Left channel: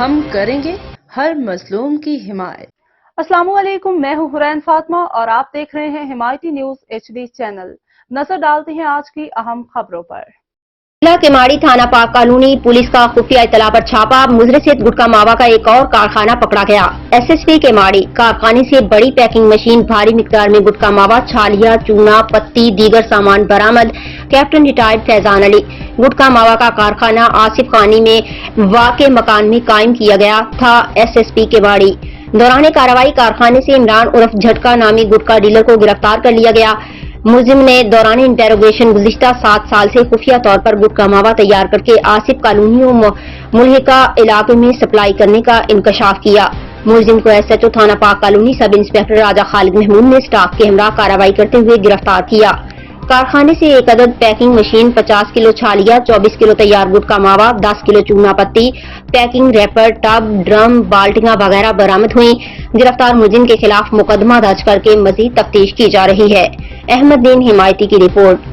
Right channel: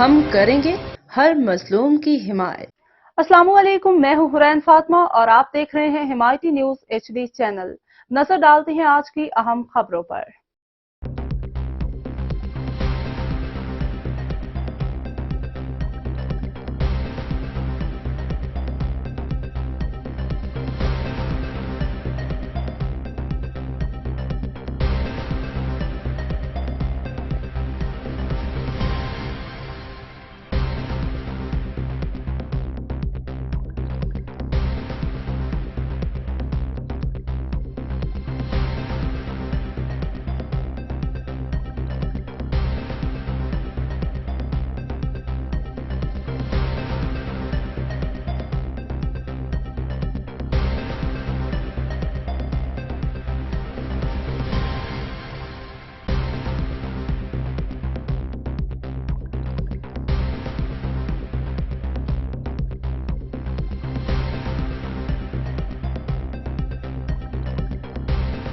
ہم کریں گے ہر مظلوم کی حمایت۔ السلام علیکم، میں ہوں حرین فاطمہ اور آپ دیکھ رہے ہیں حمایتی نیوز HD چینل۔ نظر ڈالتے ہیں آج کی اہم خبروں پر۔ ضلع کیماڑی تھانہ پاک کالونی پولیس کا خفیہ اطلاع پر چھاپا، مضر گٹکا ماوا کا ایک اور کارخانہ پکڑا گیا۔ SSP کیماڑی کارخانے سے بڑی پیکنگ مشین، بھاری مقدار میں گٹکا ماوا، چھالیا، چونا، پتی، دیگر سامان برآمد۔ کیپٹن ریٹائرڈ فیضان علی۔ گٹکا ماوا کا کارخانہ آصف خانی میں واقع مکان میں قائم کیا گیا تھا۔ SSP کیماڑی دوران کارروائی کارخانے سے عمران عرف جھٹکا نامی گٹکا ڈیلر کو گرفتار کر لیا گیا۔ ملزم نے دوران انٹروگیشن گزشتہ 7 سال سے خفیہ طور پر گٹکا ماوا تیار کر کے آصف کالونی و ملحقہ علاقے میں سپلائی کرنے کا انکشاف کیا۔ ملزم کو SHO تھانہ پاک کالونی سب انسپکٹر راجہ خالد محمود نے اسٹاف کے ہمراہ کارروائی کرتے ہوئے گرفتار کیا۔ کارخانے سے 1 عدد پیکنگ مشین، 50 کلو چھالیا، 24 کلو تیار گٹکا ماوا، 10 کلو چونا پتی، پیکنگ ریپر، ٹب، ڈرم، بالٹیاں وغیرہ برآمد ہوئی۔ گرفتار ملزم کے خلاف مقدمہ درج کر کے مزید تفتیش کی جا رہی ہے۔ احمد دین حمایتی کی رپورٹ۔